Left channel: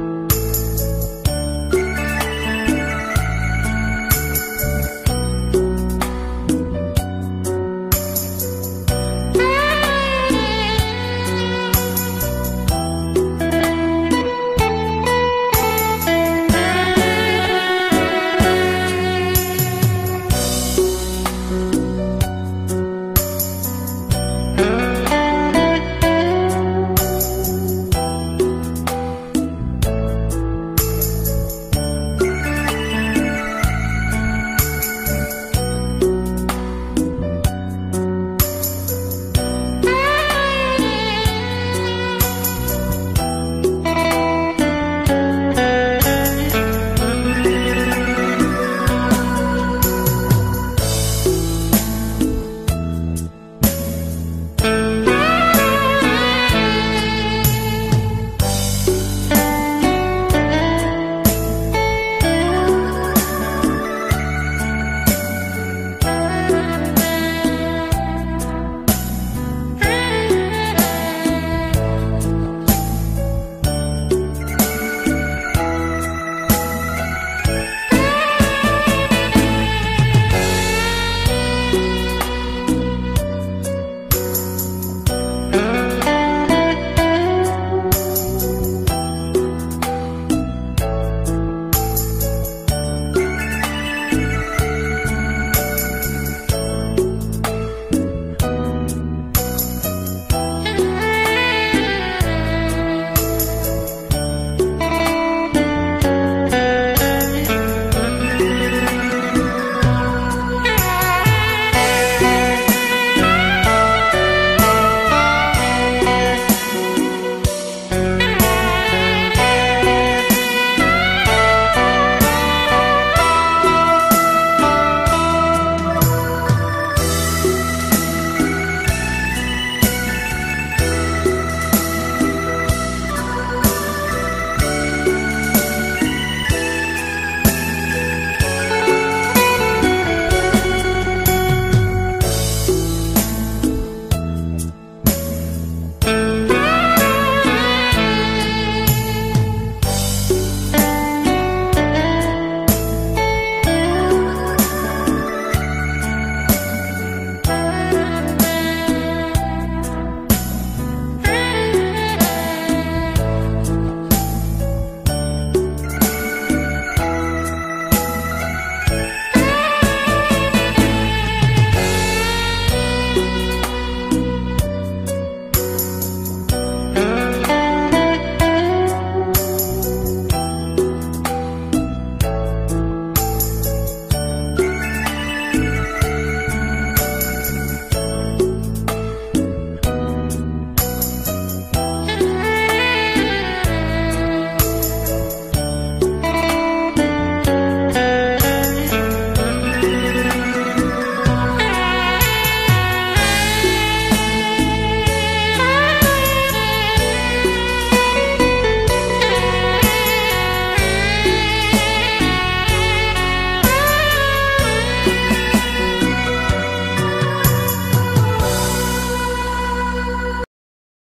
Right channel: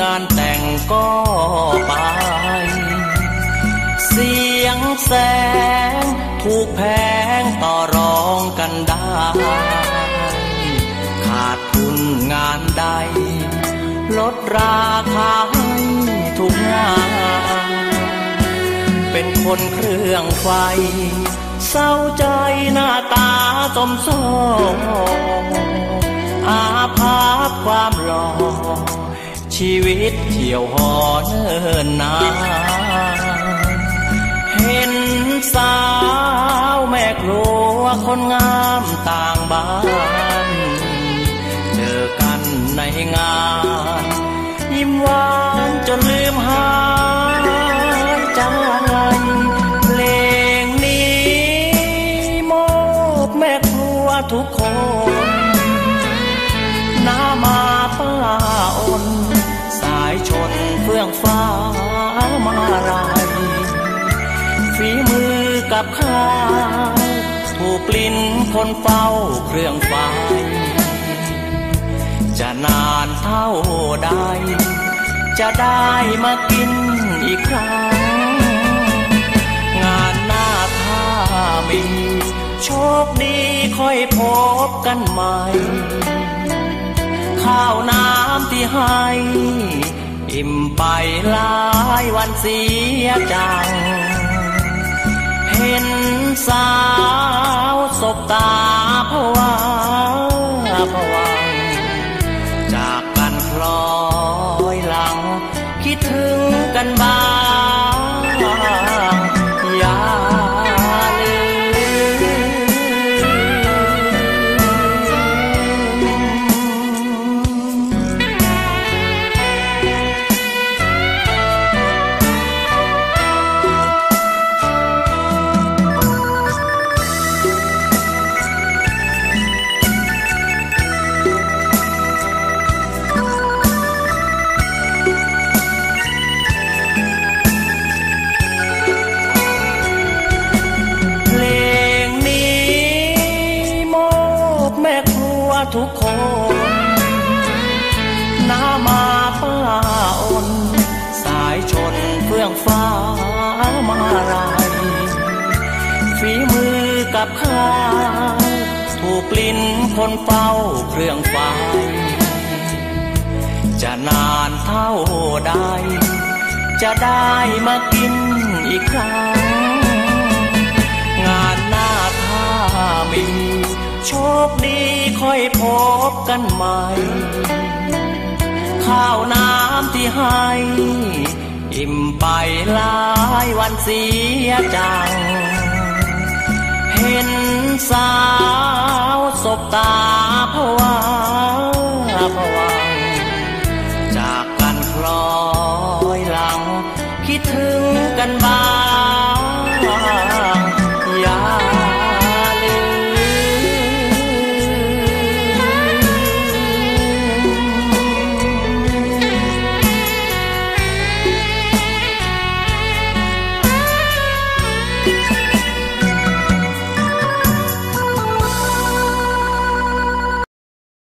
งานแต่งก็ไป เสียงแสงถูกแพงต่อรองกันได้ ขาดทุนงานใดลดราคาทุกงานเป็นคนเครื่องไฟ เศร้าใจหน้าตาจมส้ พบกันใหม่